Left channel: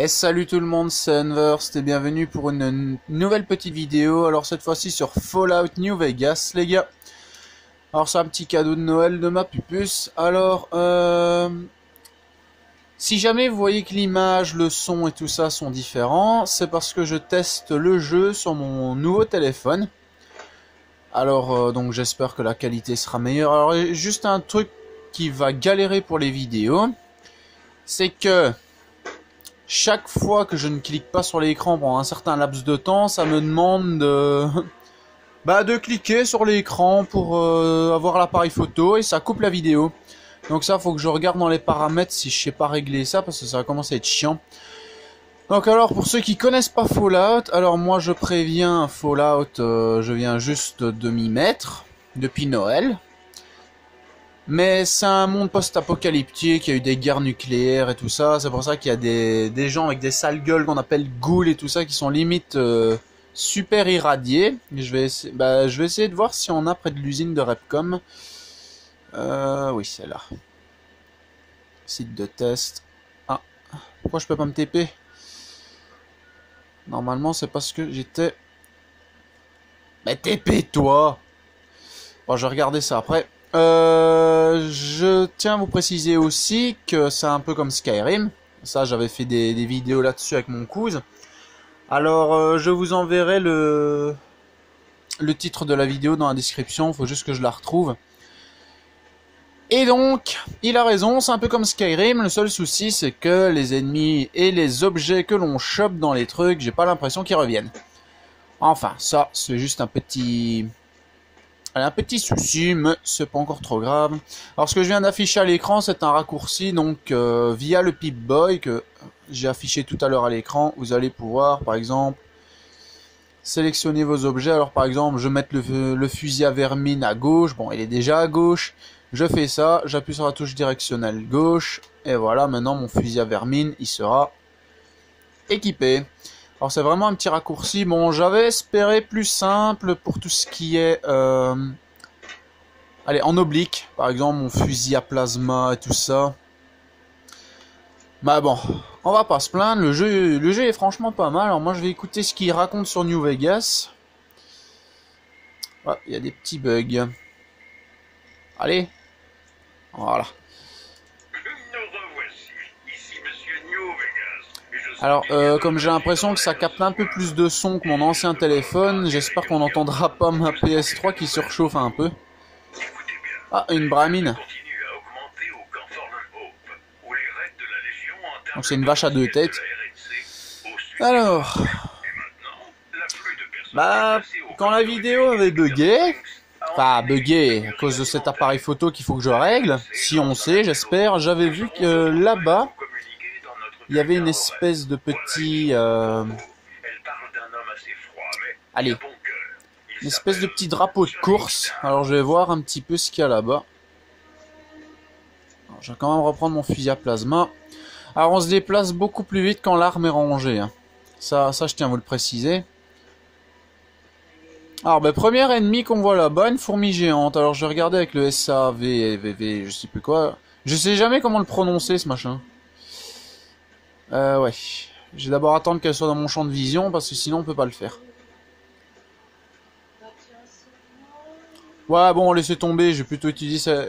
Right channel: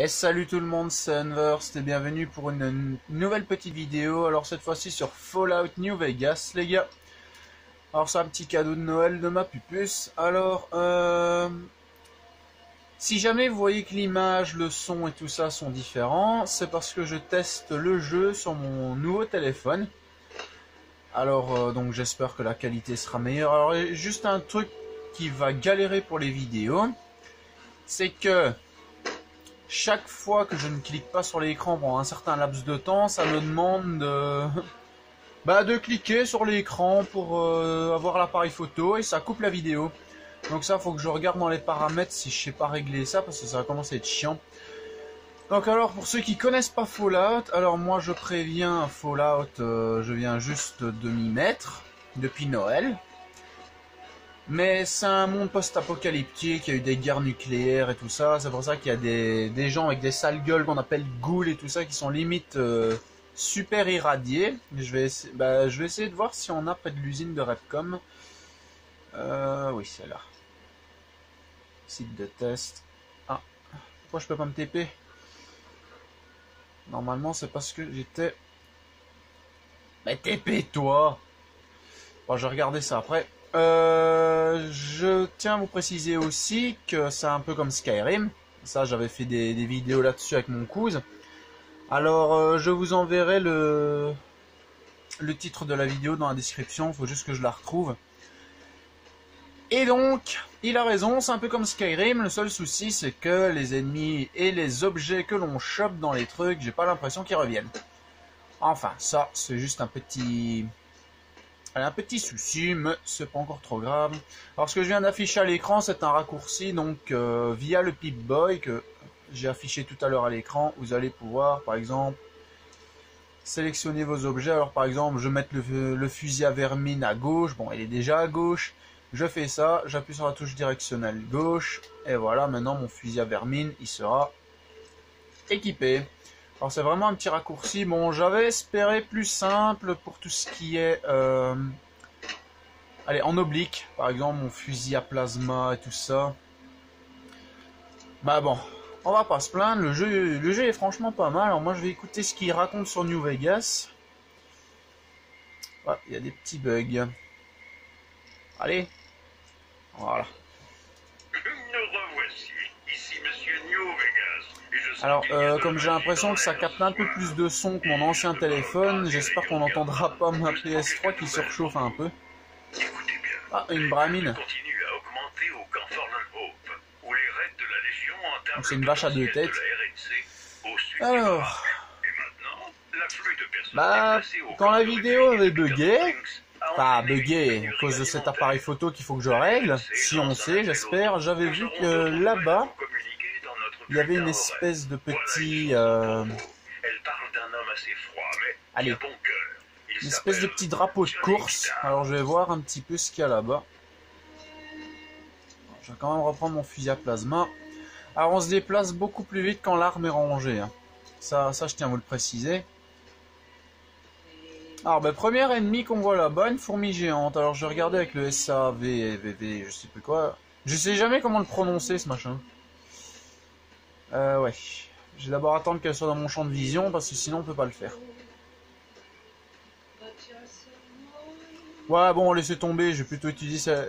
Et salut tout le monde, c'est Enverst et bienvenue pour une nouvelle petite vidéo. Alors cette fois-ci sur Fallout New Vegas les gars. Alors c'est un petit cadeau de Noël de ma pupuce. Alors si jamais vous voyez que l'image, le son et tout ça sont différents, c'est parce que je teste le jeu sur mon nouveau téléphone. Alors donc j'espère que la qualité sera meilleure. Alors juste un truc qui va galérer pour les vidéos, c'est que chaque fois que je ne clique pas sur l'écran pendant un certain laps de temps, ça me demande de cliquer sur l'écran pour avoir l'appareil photo et ça coupe la vidéo. Donc ça, faut que je regarde dans les paramètres si je sais pas régler ça parce que ça va commencer à être chiant. Donc alors, pour ceux qui connaissent pas Fallout, alors moi je préviens Fallout, je viens juste de m'y mettre depuis Noël. Mais c'est un monde post-apocalyptique, il y a eu des guerres nucléaires et tout ça, c'est pour ça qu'il y a des gens avec des sales gueules qu'on appelle ghouls et tout ça qui sont limite super irradiés. Je vais essayer de voir si on a près de l'usine de Repcom. Oui, c'est là. Site de test. Ah, pourquoi je peux pas me TP? Normalement c'est parce que j'étais... Mais TP toi! Bon, je vais regarder ça après. Je tiens à vous préciser aussi que c'est un peu comme Skyrim. Ça, j'avais fait des vidéos là-dessus avec mon cousin. Alors, je vous enverrai le titre de la vidéo dans la description. Il faut juste que je la retrouve. Et donc, il a raison, c'est un peu comme Skyrim. Le seul souci, c'est que les ennemis et les objets que l'on chope dans les trucs, j'ai pas l'impression qu'ils reviennent. Enfin, ça, c'est juste un petit souci, mais c'est pas encore trop grave. Alors ce que je viens d'afficher à l'écran, c'est un raccourci, donc via le Pip-Boy que j'ai affiché tout à l'heure à l'écran, vous allez pouvoir, par exemple, sélectionner vos objets. Alors par exemple, je vais mettre le fusil à vermine à gauche, bon il est déjà à gauche, je fais ça, j'appuie sur la touche directionnelle gauche, et voilà, maintenant mon fusil à vermine, il sera équipé. Alors c'est vraiment un petit raccourci. Bon, j'avais espéré plus simple pour tout ce qui est... Allez, en oblique. Par exemple, mon fusil à plasma et tout ça. Bah bon, on va pas se plaindre. Le jeu est franchement pas mal. Alors moi, je vais écouter ce qu'il raconte sur New Vegas. Ah, il y a des petits bugs. Allez. Voilà. Alors, comme j'ai l'impression que ça capte un peu plus de son que mon ancien téléphone, j'espère qu'on n'entendra pas ma PS3 qui surchauffe un peu. Ah, une bramine. Donc c'est une vache à deux têtes. Alors, quand la vidéo avait bugué, enfin bugué à cause de cet appareil photo qu'il faut que je règle, si on sait, j'espère, j'avais vu que là-bas, il y avait une espèce de petit... Allez, une espèce de petit drapeau de course. Alors je vais voir un petit peu ce qu'il y a là-bas. Je vais quand même reprendre mon fusil à plasma. Alors on se déplace beaucoup plus vite quand l'arme est rangée. Hein. Ça je tiens à vous le préciser. Alors premier ennemi qu'on voit là-bas, une fourmi géante. Alors je vais regarder avec le SAVVV, je sais plus quoi. Je sais jamais comment le prononcer ce machin. Ouais. Je vais d'abord attendre qu'elle soit dans mon champ de vision parce que sinon on peut pas le faire. Ouais, bon, laissez tomber, je vais plutôt utiliser ça.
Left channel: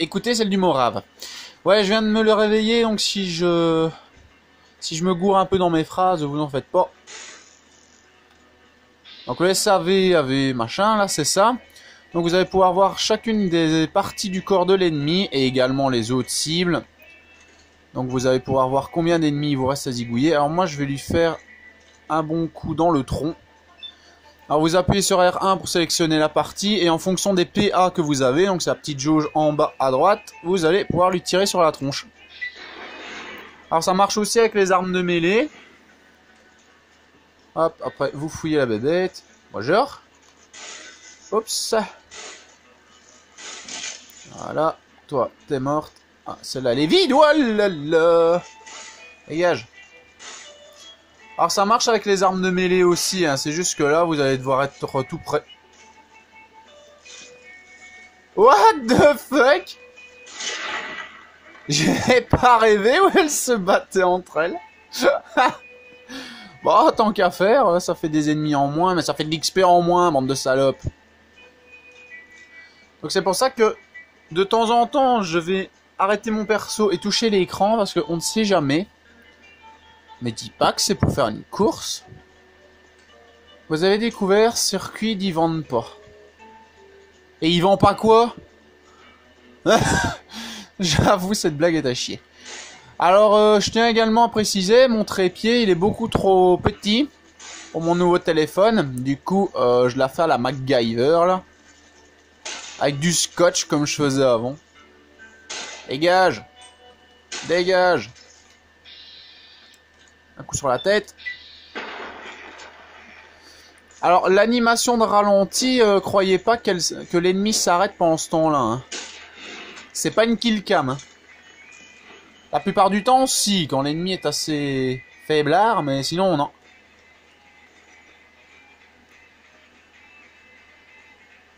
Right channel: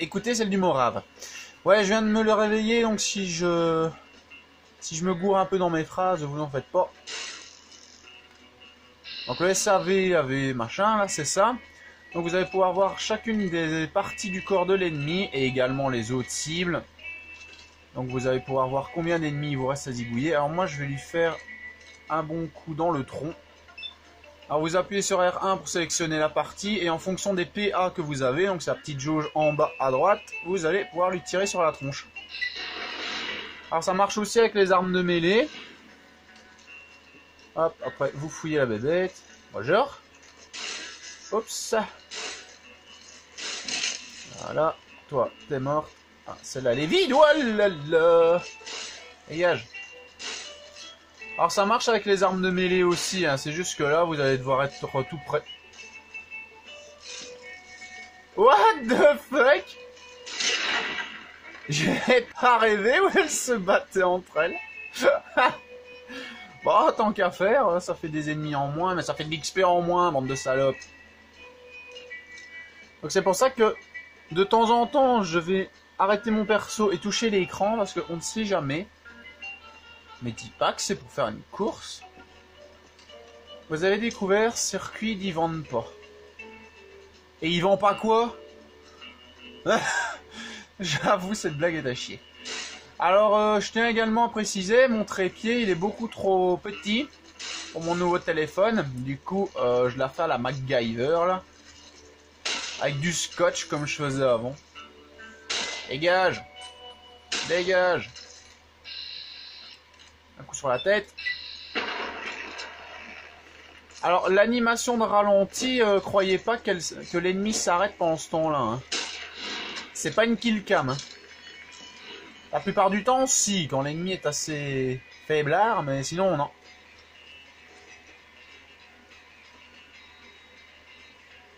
Écoutez celle du Morave. Ouais, je viens de me le réveiller, donc si je me gourre un peu dans mes phrases, vous en faites pas. Donc le SAV, machin, là, c'est ça. Donc vous allez pouvoir voir chacune des parties du corps de l'ennemi et également les autres cibles. Donc vous allez pouvoir voir combien d'ennemis il vous reste à zigouiller. Alors moi je vais lui faire un bon coup dans le tronc. Alors vous appuyez sur R1 pour sélectionner la partie et en fonction des PA que vous avez, donc c'est la petite jauge en bas à droite, vous allez pouvoir lui tirer sur la tronche. Alors ça marche aussi avec les armes de mêlée. Hop, après vous fouillez la bébête. Bonjour. Oups. Voilà, toi t'es morte. Ah, celle-là, elle est vide. Oh là là. Dégage. Alors, ça marche avec les armes de mêlée aussi. Hein. C'est juste que là, vous allez devoir être tout près. What the fuck? J'ai pas rêvé où elles se battaient entre elles. Bon, tant qu'à faire, ça fait des ennemis en moins, mais ça fait de l'XP en moins, bande de salopes. Donc c'est pour ça que, de temps en temps, je vais arrêter mon perso et toucher l'écran, parce qu'on ne sait jamais. Mais dis pas que c'est pour faire une course. Vous avez découvert, circuit d'y vendent pas. Et ils vendent pas quoi? J'avoue, cette blague est à chier. Alors, je tiens également à préciser, mon trépied, il est beaucoup trop petit pour mon nouveau téléphone. Du coup, je la fais à la MacGyver, là. Avec du scotch, comme je faisais avant. Dégage! Dégage! Un coup sur la tête. Alors, l'animation de ralenti, croyez pas que l'ennemi s'arrête pendant ce temps-là. Hein. C'est pas une kill cam. Hein. La plupart du temps, si, quand l'ennemi est assez faiblard, mais sinon, non.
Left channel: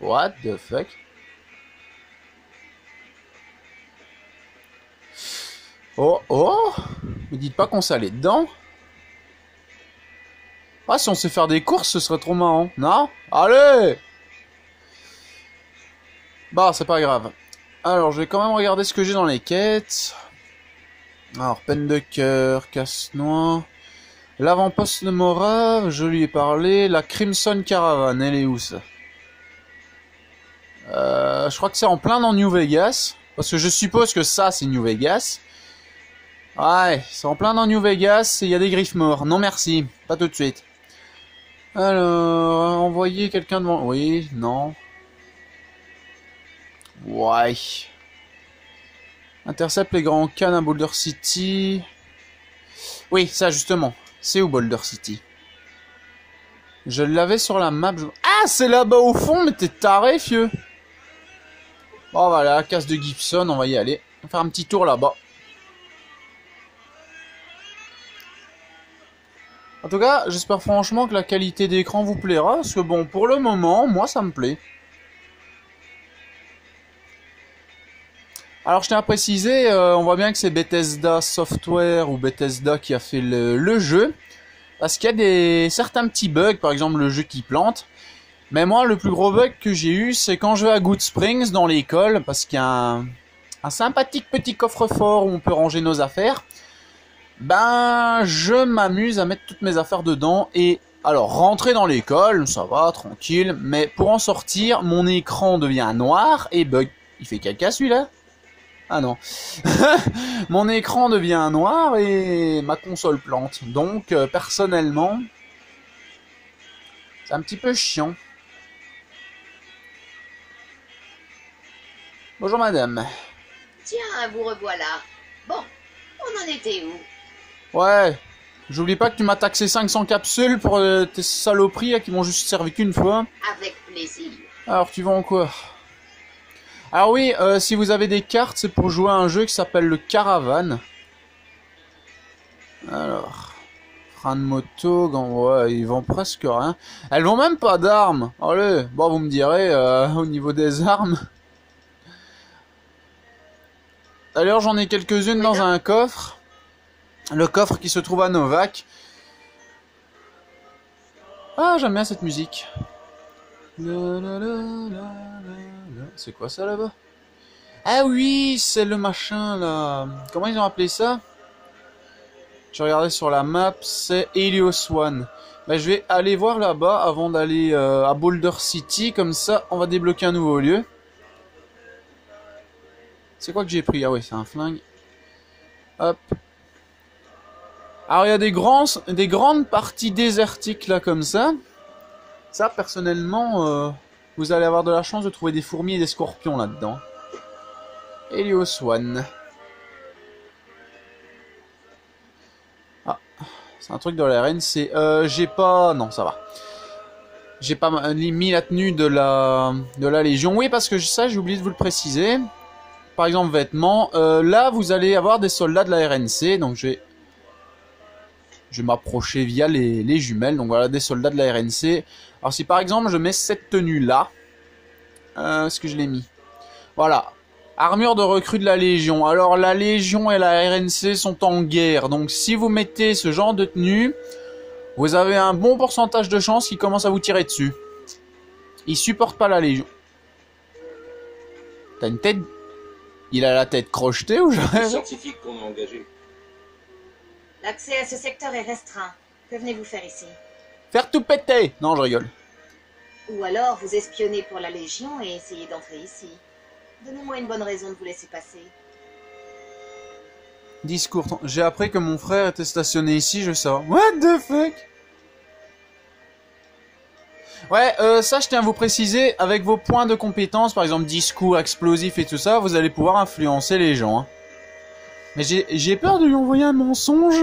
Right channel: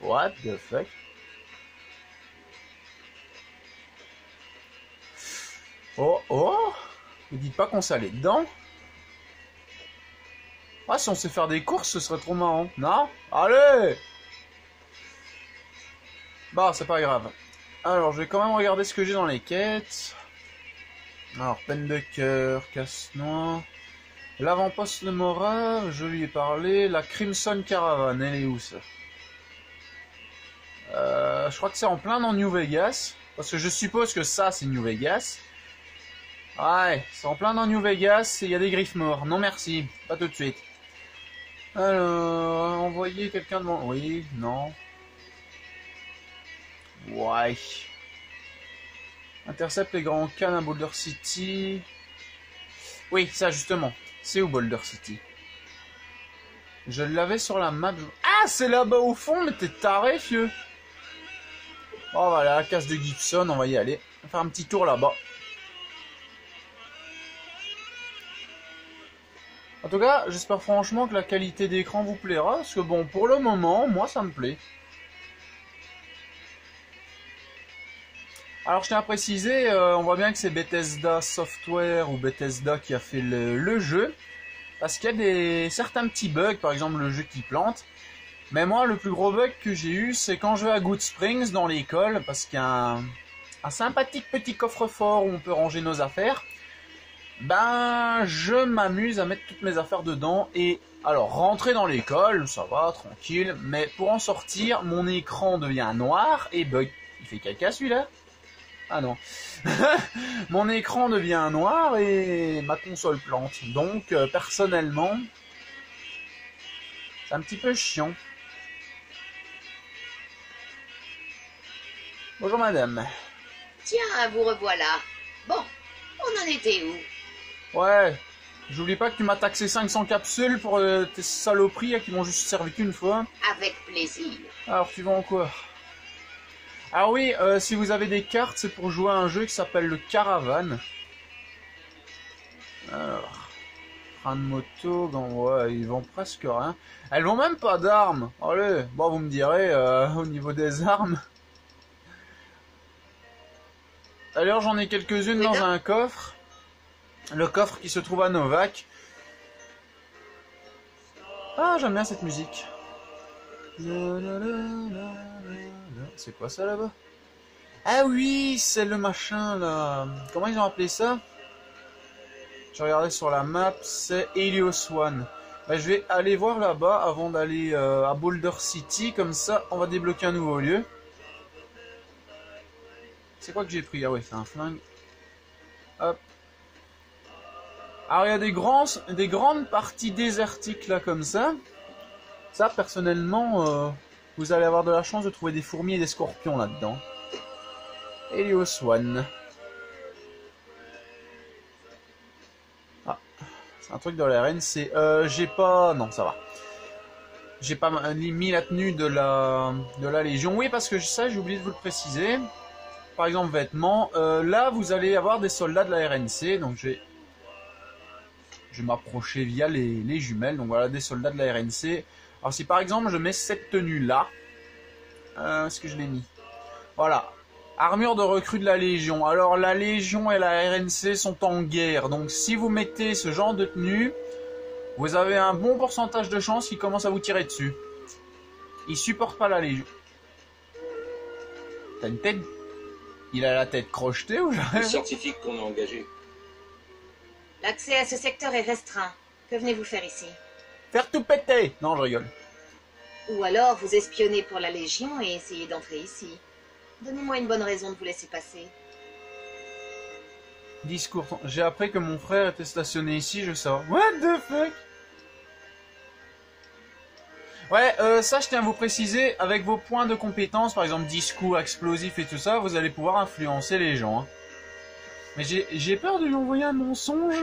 What the fuck? Oh, oh! Me dites pas qu'on s'allait dedans. Ah, si on sait faire des courses, ce serait trop marrant. Non? Allez! Bah, c'est pas grave. Alors, je vais quand même regarder ce que j'ai dans les quêtes. Alors, peine de cœur, casse-noix. L'avant-poste de Mora, je lui ai parlé. La Crimson Caravan, elle est où ça? Je crois que c'est en plein dans New Vegas. Parce que je suppose que ça, c'est New Vegas. Ouais, c'est en plein dans New Vegas et il y a des griffes morts. Non merci, pas tout de suite. Alors, envoyer quelqu'un devant... Oui, non. Ouais. Intercepte les grands cannes à Boulder City. Oui, ça justement. C'est où Boulder City? Je l'avais sur la map. Ah, c'est là-bas au fond, mais t'es taré, fieu. Oh voilà, casse de Gibson, on va y aller. On va faire un petit tour là-bas. En tout cas, j'espère franchement que la qualité d'écran vous plaira, parce que bon, pour le moment, moi ça me plaît. Alors je tiens à préciser, on voit bien que c'est Bethesda Software ou Bethesda qui a fait le jeu. Parce qu'il y a certains petits bugs, par exemple le jeu qui plante. Mais moi, le plus gros bug que j'ai eu, c'est quand je vais à Good Springs dans l'école, parce qu'il y a un sympathique petit coffre-fort où on peut ranger nos affaires. Ben, je m'amuse à mettre toutes mes affaires dedans et alors rentrer dans l'école, ça va, tranquille, mais pour en sortir, mon écran devient noir et bug. Il fait caca celui-là? Ah non. Mon écran devient noir et ma console plante. Donc, personnellement, c'est un petit peu chiant. Bonjour madame. Tiens, vous revoilà. Bon, on en était où? Ouais, j'oublie pas que tu m'as taxé 500 capsules pour tes saloperies qui m'ont juste servi qu'une fois. Avec plaisir. Alors, tu vends quoi? Alors oui, si vous avez des cartes, c'est pour jouer à un jeu qui s'appelle le Caravan. Alors, frein de moto, ouais, ils vendent presque rien. Elles vendent même pas d'armes. Allez, bon, vous me direz, au niveau des armes. D'ailleurs, j'en ai quelques-unes dans un coffre. Le coffre qui se trouve à Novak. Ah, j'aime bien cette musique. C'est quoi ça là-bas? Ah oui, c'est le machin là. Comment ils ont appelé ça? Je regardais sur la map, c'est Helios One. Ben, je vais aller voir là-bas avant d'aller à Boulder City. Comme ça, on va débloquer un nouveau lieu. C'est quoi que j'ai pris? Ah oui, c'est un flingue. Hop. Alors il y a des grandes parties désertiques là comme ça. Ça, personnellement, vous allez avoir de la chance de trouver des fourmis et des scorpions là-dedans. Helios One. Ah, c'est un truc de la RNC. J'ai pas... Non, ça va. J'ai pas mis la tenue de la Légion. Oui, parce que ça, j'ai oublié de vous le préciser. Par exemple, vêtements. Là, vous allez avoir des soldats de la RNC. Donc, je vais m'approcher via les jumelles. Donc, voilà, des soldats de la RNC. Alors, si par exemple, je mets cette tenue-là. Est-ce que je l'ai mis? Voilà. Armure de recrue de la Légion. Alors la Légion et la RNC sont en guerre. Donc si vous mettez ce genre de tenue, vous avez un bon pourcentage de chances qu'ils commencent à vous tirer dessus. Ils supportent pas la Légion. T'as une tête... Il a la tête crochetée ou jamais? Les scientifiques qu'on a engagés. L'accès à ce secteur est restreint. Que venez-vous faire ici? Faire tout péter. Non, je rigole. Ou alors vous espionnez pour la Légion et essayez d'entrer ici. Donnez-moi une bonne raison de vous laisser passer. Discours. J'ai appris que mon frère était stationné ici, je sais. What the fuck? Ouais, ça je tiens à vous préciser, avec vos points de compétence, par exemple discours, explosif et tout ça, vous allez pouvoir influencer les gens. Hein. Mais j'ai peur de lui envoyer un mensonge.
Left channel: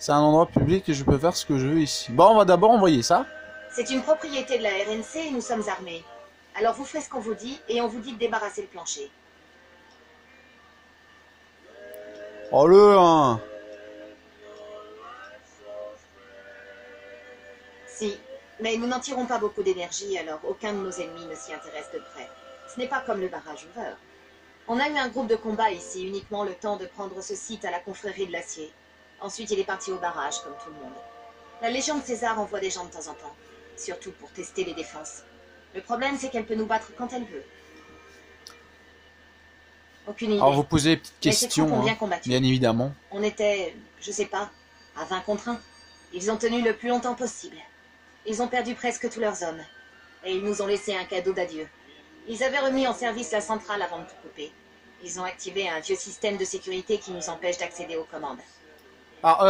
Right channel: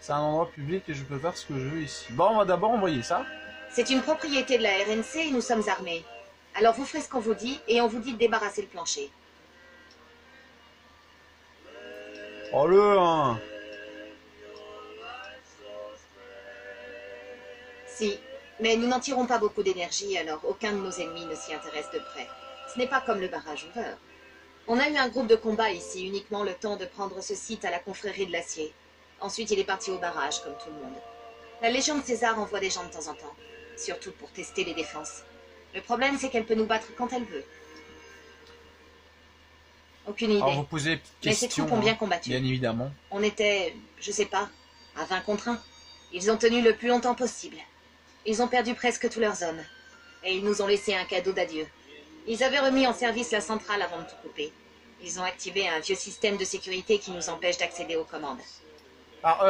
C'est un endroit public et je peux faire ce que je veux ici. Bon, on va d'abord envoyer ça. C'est une propriété de la RNC et nous sommes armés. Alors vous ferez ce qu'on vous dit et on vous dit de débarrasser le plancher. Oh le hein. Si, mais nous n'en tirons pas beaucoup d'énergie, alors aucun de nos ennemis ne s'y intéresse de près. Ce n'est pas comme le barrage Hoover. On a eu un groupe de combat ici, uniquement le temps de prendre ce site à la confrérie de l'acier. Ensuite, il est parti au barrage, comme tout le monde. La Légion de César envoie des gens de temps en temps, surtout pour tester les défenses. Le problème, c'est qu'elle peut nous battre quand elle veut. Aucune idée. Alors vous posez des petites Mais ces questions, troupes ont bien hein, combattu. bien évidemment. On était, je sais pas, à 20 contre 1. Ils ont tenu le plus longtemps possible. Ils ont perdu presque tous leurs hommes. Et ils nous ont laissé un cadeau d'adieu. Ils avaient remis en service la centrale avant de tout couper. Ils ont activé un vieux système de sécurité qui nous empêche d'accéder aux commandes. Alors,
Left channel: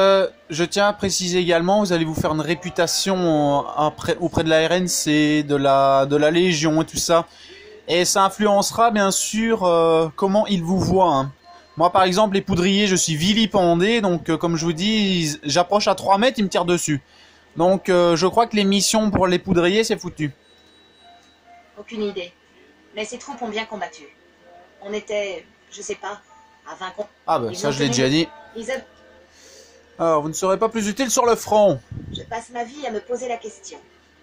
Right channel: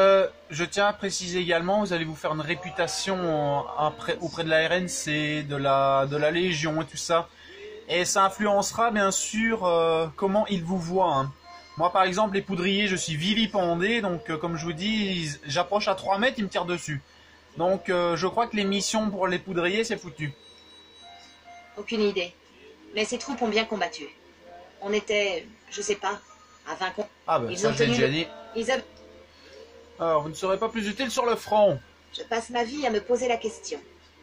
je tiens à préciser également, vous allez vous faire une réputation auprès de la RNC, de la Légion et tout ça. Et ça influencera bien sûr comment ils vous voient. Hein. Moi par exemple, les poudriers, je suis vilipendé, donc comme je vous dis, j'approche à 3 mètres, ils me tirent dessus. Donc je crois que les missions pour les poudriers, c'est foutu. Aucune idée. Mais ces troupes ont bien combattu. On était, je sais pas, à 20 contre... Ah bah Ils ça ont je l'ai tenu- déjà dit. Ils avaient... Alors, vous ne serez pas plus utile sur le front. Je passe ma vie à me poser la question.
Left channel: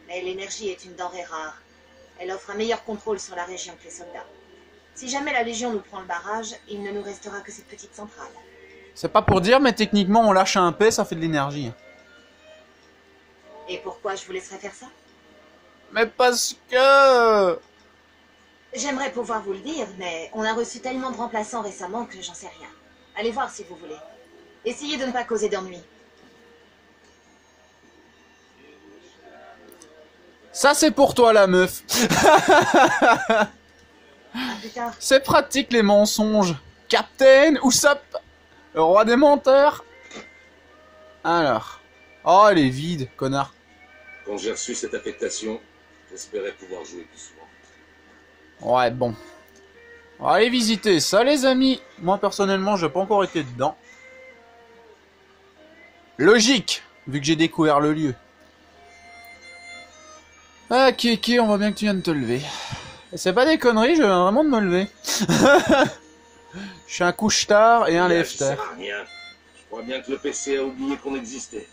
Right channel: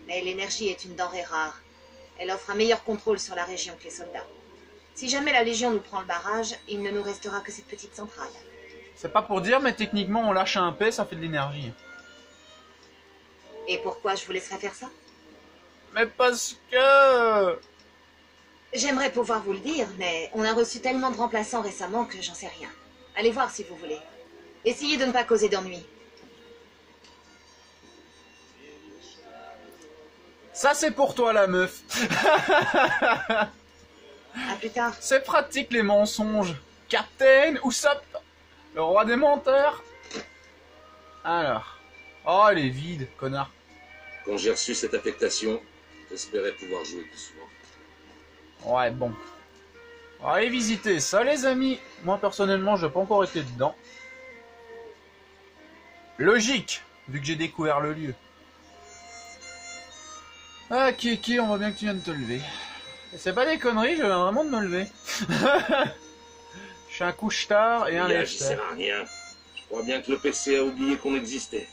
Mais l'énergie est une denrée rare. Elle offre un meilleur contrôle sur la région que les soldats. Si jamais la Légion nous prend le barrage, il ne nous restera que cette petite centrale. C'est pas pour dire, mais techniquement, on lâche un P, ça fait de l'énergie. Et pourquoi je vous laisserai faire ça? Mais parce que... J'aimerais pouvoir vous le dire, mais on a reçu tellement de remplaçants récemment que j'en sais rien. Allez voir si vous voulez. Essayez de ne pas causer d'ennui. Ça, c'est pour toi, la meuf. À plus tard. C'est pratique, les mensonges. Captain Usopp, le roi des menteurs. Alors. Oh, elle est vide, connard. Quand j'ai reçu cette affectation, j'espérais pouvoir jouer plus souvent. Ouais, bon. On va aller visiter ça, les amis. Moi, personnellement, j'ai pas encore été dedans. Logique, vu que j'ai découvert le lieu. Ah, Kéké, on voit bien que tu viens de te lever. C'est pas des conneries, je viens vraiment de me lever. Je suis un couche-tard et un Ça lève-tard. sert à rien. Je crois bien que le PC a oublié qu'on existait.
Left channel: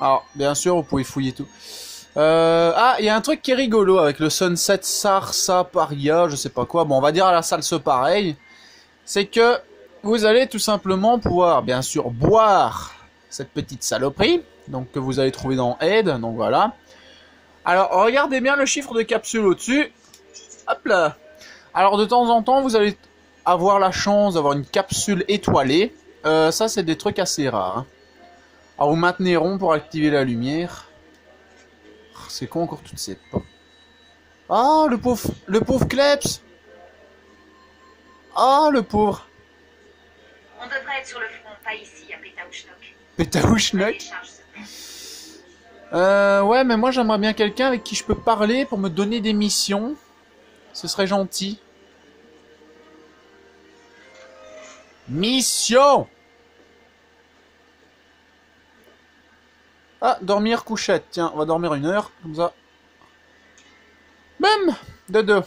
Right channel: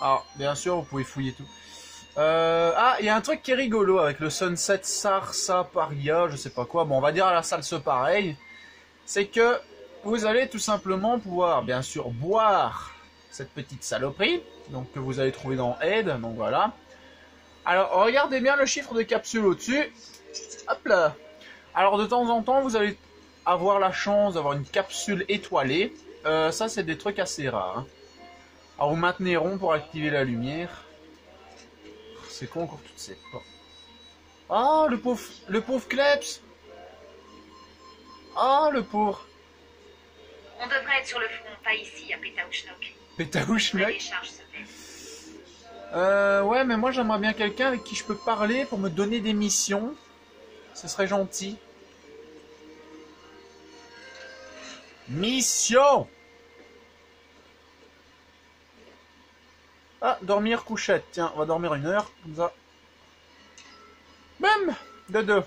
Alors, bien sûr, vous pouvez fouiller tout. Ah, il y a un truc qui est rigolo avec le Sunset Sarsa Paria, je sais pas quoi. Bon, on va dire à la salle ce pareil. C'est que vous allez tout simplement pouvoir, bien sûr, boire cette petite saloperie. Donc, que vous allez trouver dans Aide. Donc, voilà. Alors, regardez bien le chiffre de capsule au-dessus. Hop là. Alors, de temps en temps, vous allez avoir la chance d'avoir une capsule étoilée. Ça, c'est des trucs assez rares. Hein. Alors, vous maintenez rond pour activer la lumière. C'est quoi encore toutes ces portes? Ah, le pauvre Kleps. Ah, le pauvre. On devrait être sur le front, pas ici, à Pétaouchnok. Pétaouchnok. Ouais, mais moi j'aimerais bien quelqu'un avec qui je peux parler pour me donner des missions. Ce serait gentil. Mission! Ah, dormir couchette. Tiens, on va dormir 1 heure, comme ça. Même de 2.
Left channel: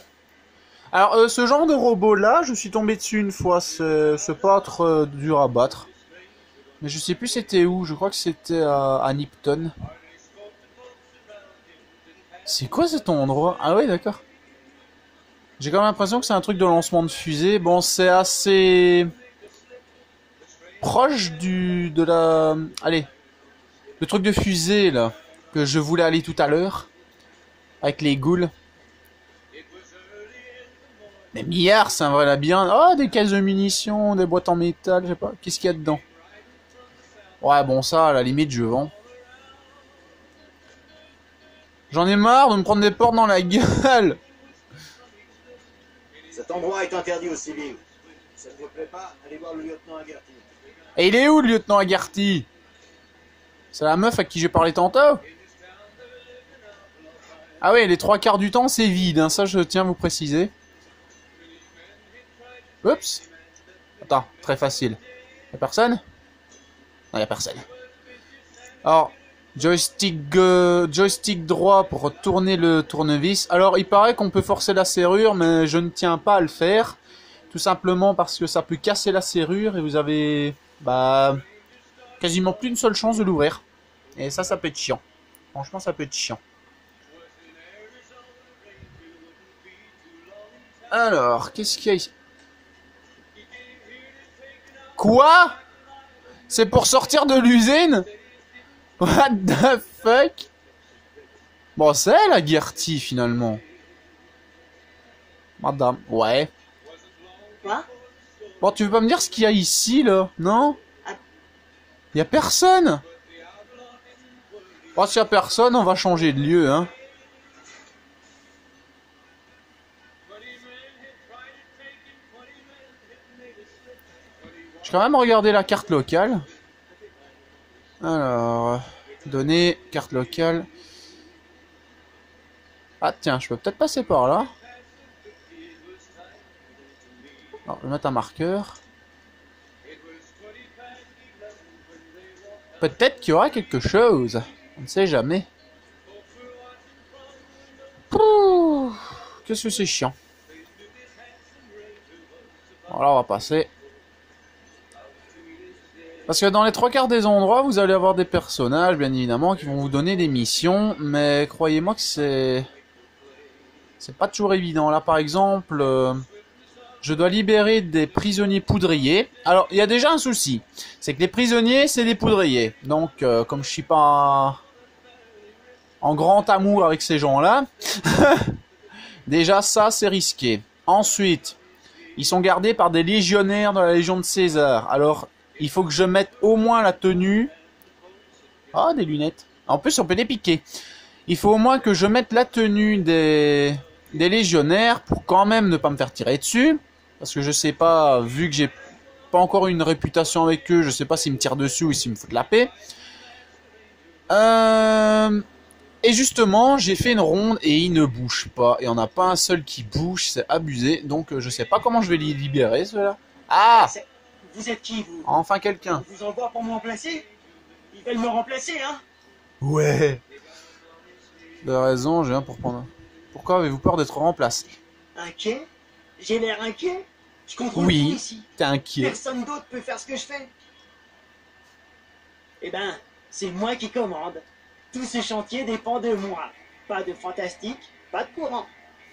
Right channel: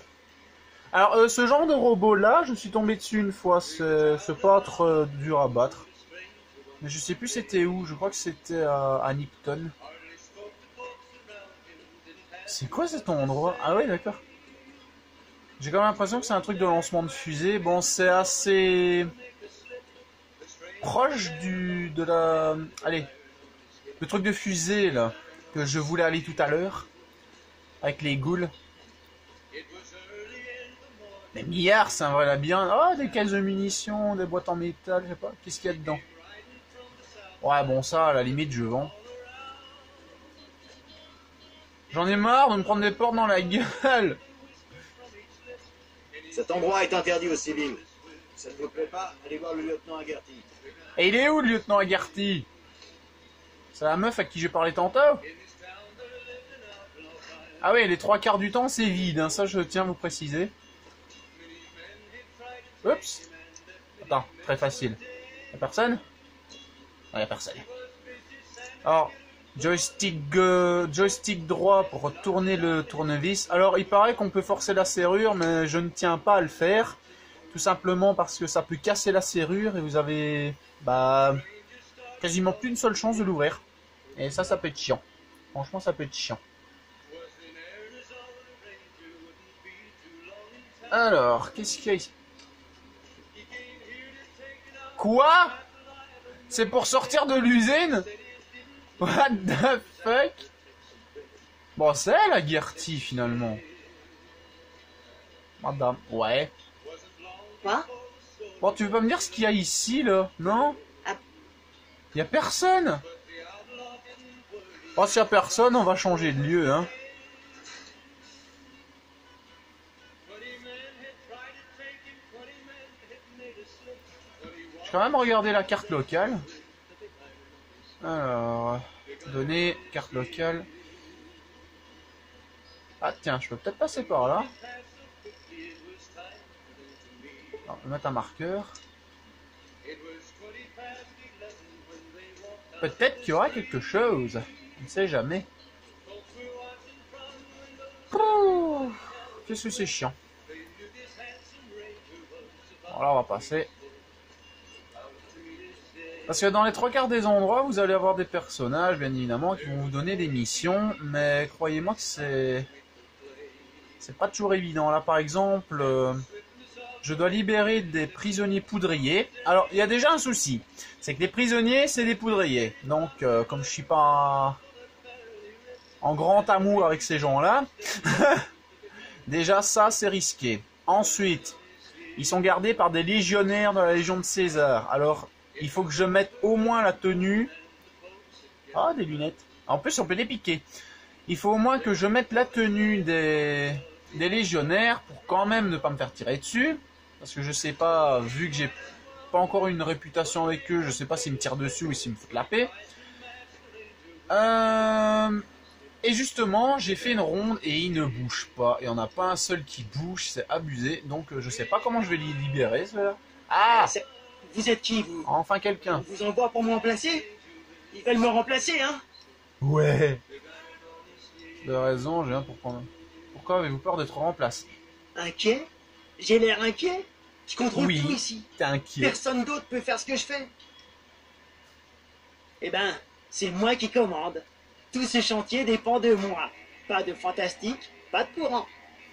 Alors, ce genre de robot-là, je suis tombé dessus une fois. C'est pas trop dur à battre. Mais je sais plus c'était où. Je crois que c'était à Nipton. C'est quoi cet endroit? Ah ouais, d'accord. J'ai quand même l'impression que c'est un truc de lancement de fusée. Bon, c'est assez proche de la... Allez, le truc de fusée, là, que je voulais aller tout à l'heure, avec les ghouls. Mais milliards, c'est un vrai labyrinthe. Oh, des caisses de munitions, des boîtes en métal, je sais pas. Qu'est-ce qu'il y a dedans? Ouais, bon, ça, à la limite, je vends. J'en ai marre de me prendre des portes dans la gueule. Cet endroit est interdit aux civils. Si ça ne vous plaît pas, allez voir le lieutenant Agarty. Et il est où, le lieutenant Agarty? C'est la meuf à qui j'ai parlé tantôt? Ah oui, les 3/4 du temps, c'est vide, hein, ça je tiens à vous préciser. Oups. Attends, très facile. Y'a personne? Non, y'a personne. Alors, joystick droit pour tourner le tournevis. Alors, il paraît qu'on peut forcer la serrure, mais je ne tiens pas à le faire. Tout simplement parce que ça peut casser la serrure et vous avez... Bah... quasiment plus une seule chance de l'ouvrir. Et ça peut être chiant. Franchement, ça peut être chiant. Alors, qu'est-ce qu'il y a ici? Quoi? C'est pour sortir de l'usine? What the fuck? Bon, c'est elle, Agarty, finalement. Madame, ouais. Quoi? Bon, tu veux pas me dire ce qu'il y a ici, là? Non? Ah. Y a personne? Bon, s'il y a personne, on va changer de lieu, hein. Je vais quand même regarder la carte locale. Alors, données, carte locale. Ah tiens, je peux peut-être passer par là. Alors, je vais mettre un marqueur. Peut-être qu'il y aura quelque chose. On ne sait jamais. Qu'est-ce que c'est chiant. Voilà, on va passer. Parce que dans les 3/4 des endroits, vous allez avoir des personnages, bien évidemment, qui vont vous donner des missions. Mais croyez-moi que c'est pas toujours évident. Là, par exemple, je dois libérer des prisonniers poudriers. Alors, il y a déjà un souci. C'est que les prisonniers, c'est des poudriers. Donc, comme je suis pas en grand amour avec ces gens-là, déjà ça, c'est risqué. Ensuite, ils sont gardés par des légionnaires de la Légion de César. Alors, il faut que je mette au moins la tenue. Ah, des lunettes. En plus, on peut les piquer. Il faut au moins que je mette la tenue des légionnaires pour quand même ne pas me faire tirer dessus. Parce que je sais pas, vu que j'ai pas encore une réputation avec eux, je sais pas s'ils me tirent dessus ou s'ils me foutent la paix. Et justement, j'ai fait une ronde et ils ne bougent pas. Il n'y en a pas un seul qui bouge, c'est abusé. Donc je sais pas comment je vais les libérer, ceux-là. Ah! Vous êtes qui, vous? Enfin quelqu'un. On vous envoie pour me remplacer? Ils veulent me remplacer, hein? Ouais. De raison, j'ai un pour prendre. Pourquoi avez-vous peur d'être remplacé? Inquiet? J'ai l'air inquiet? Je contrôle tout ici. T'es inquiet. Personne d'autre peut faire ce que je fais. Eh ben, c'est moi qui commande. Tout ce chantier dépend de moi. Pas de fantastique, pas de courant.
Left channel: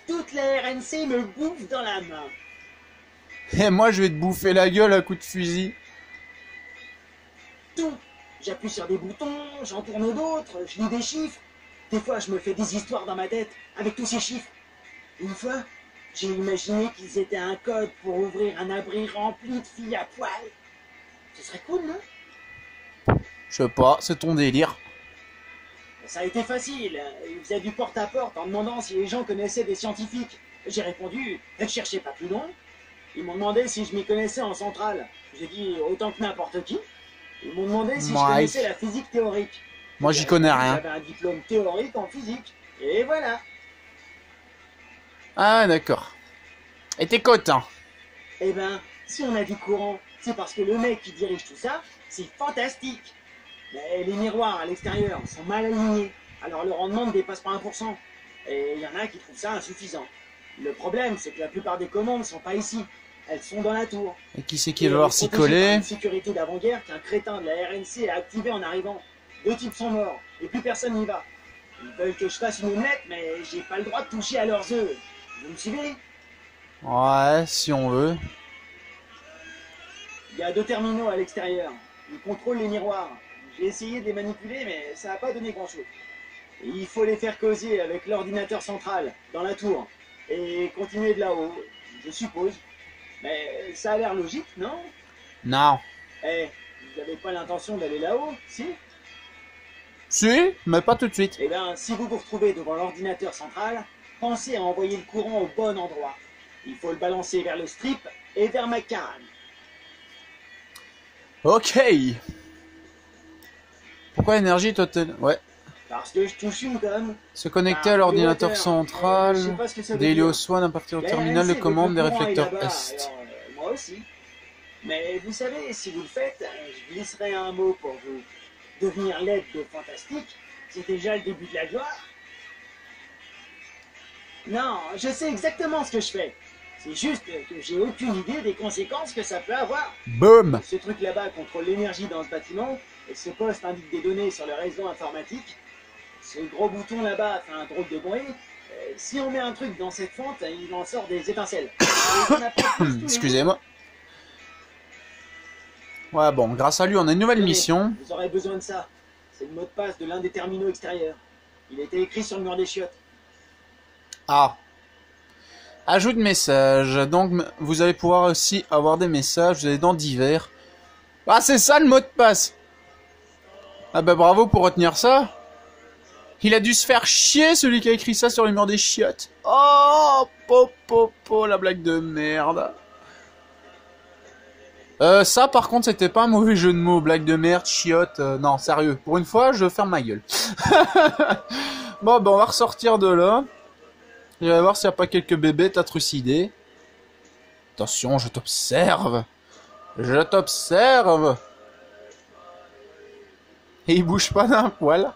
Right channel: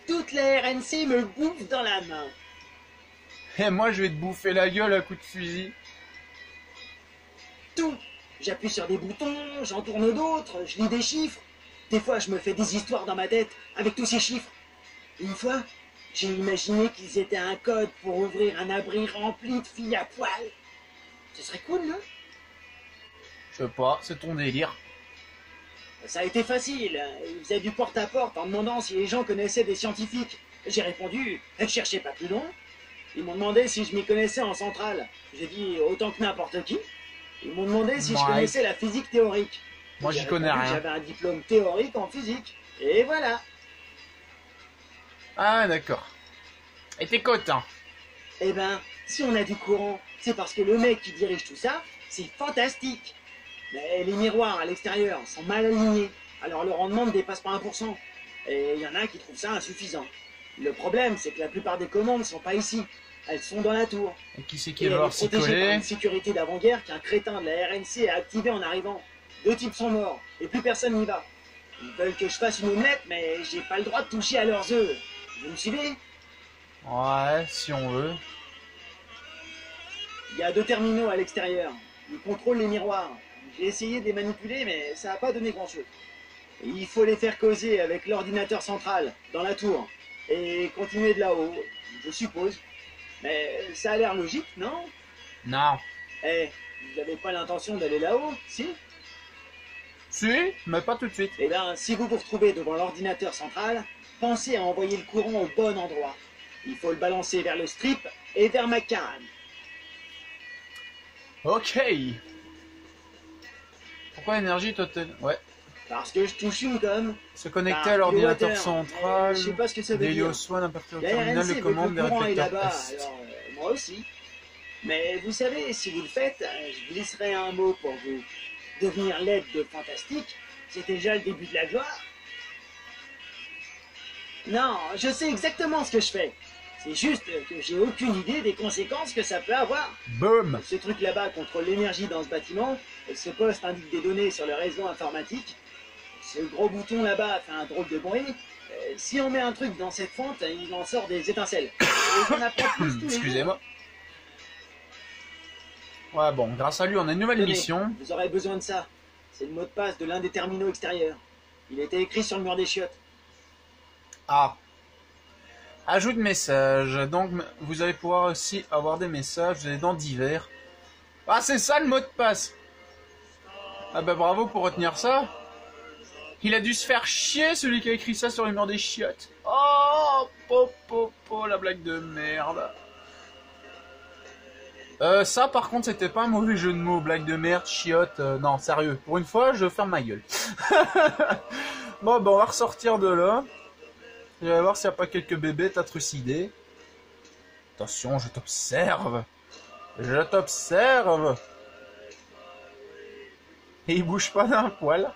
Toute la RNC me bouffe dans la main. Et moi, je vais te bouffer la gueule à coups de fusil. Tout. J'appuie sur des boutons, j'en tourne d'autres, je lis des chiffres. Des fois, je me fais des histoires dans ma tête avec tous ces chiffres. Une fois, j'ai imaginé qu'ils étaient un code pour ouvrir un abri rempli de filles à poil. Ce serait cool, non? Je sais pas, c'est ton délire. Ça a été facile. Ils faisaient du porte-à-porte en demandant si les gens connaissaient des scientifiques. J'ai répondu, ne cherchez pas plus loin. Ils m'ont demandé si je m'y connaissais en centrale. J'ai dit autant que n'importe qui. Ils m'ont demandé si je connaissais la physique théorique. Moi, j'y connais rien. J'avais un diplôme théorique en physique. Et voilà. Ah, d'accord. Et t'es content? Eh ben, si on a du courant, c'est parce que le mec qui dirige tout ça, c'est fantastique. Mais les miroirs à l'extérieur sont mal alignés. Alors le rendement ne dépasse pas 1%. Et il y en a qui trouvent ça insuffisant. Le problème, c'est que la plupart des commandes sont pas ici. Elles sont dans la tour. Et qui c'est qui va leur s'y coller? Une sécurité d'avant-guerre qu'un crétin de la RNC a activé en arrivant. 2 types sont morts, et plus personne n'y va. Ils veulent que je fasse une omelette, mais j'ai pas le droit de toucher à leurs œufs. Vous me suivez? Ouais, si on veut. Il y a 2 terminaux à l'extérieur. Ils contrôlent les miroirs. J'ai essayé de les manipuler, mais ça n'a pas donné grand-chose. Il faut les faire causer avec l'ordinateur central, dans la tour. Et continuer de là-haut, je suppose. Mais ça a l'air logique, non? Non. Eh, vous n'avez pas l'intention d'aller là-haut, si? Si, mais pas tout de suite. Eh bien, si vous vous retrouvez devant l'ordinateur central, pensez à envoyer le courant au bon endroit. Il faut le balancer vers le strip et vers McCann. Ok. Pourquoi énergie totale? Ouais. Parce que je touche une gomme. Se connecter à l'ordinateur central. Je sais pas ce que ça veut dire. D'Helios One à partir du La terminal RNC de commande des veut que le courant aille réflecteurs là-bas, Est. alors, moi aussi. Mais vous savez, si vous le faites, je glisserai un mot pour vous. Devenir l'aide de Fantastique, c'est déjà le début de la gloire. Non, je sais exactement ce que je fais. C'est juste que j'ai aucune idée des conséquences que ça peut avoir. Boum. Ce truc là-bas contrôle l'énergie dans ce bâtiment, et ce poste indique des données sur le réseau informatique. Ce gros bouton là-bas fait un drôle de bruit. Si on met un truc dans cette fente, il en sort des étincelles. Et on apprend plus tous les jours. Excusez-moi. Ouais, bon, grâce à lui, on a une nouvelle Tenez, mission. Vous aurez besoin de ça. C'est le mot de passe de l'un des terminaux extérieurs. Il a été écrit sur le mur des chiottes. Ah. Ajoute message. Donc, vous allez pouvoir aussi avoir des messages. Vous allez dans divers. Ah, c'est ça le mot de passe. Ah bah bravo pour retenir ça. Il a dû se faire chier, celui qui a écrit ça sur le mur des chiottes. Oh, po, la blague de merde. Ça, par contre, c'était pas un mauvais jeu de mots. Blague de merde, chiotte. Non, sérieux. Pour une fois, je ferme ma gueule. Bon, ben, on va ressortir de là. Et on va voir s'il n'y a pas quelques bébés trucidés. Attention, je t'observe. Je t'observe. Et ils bougent pas d'un poil.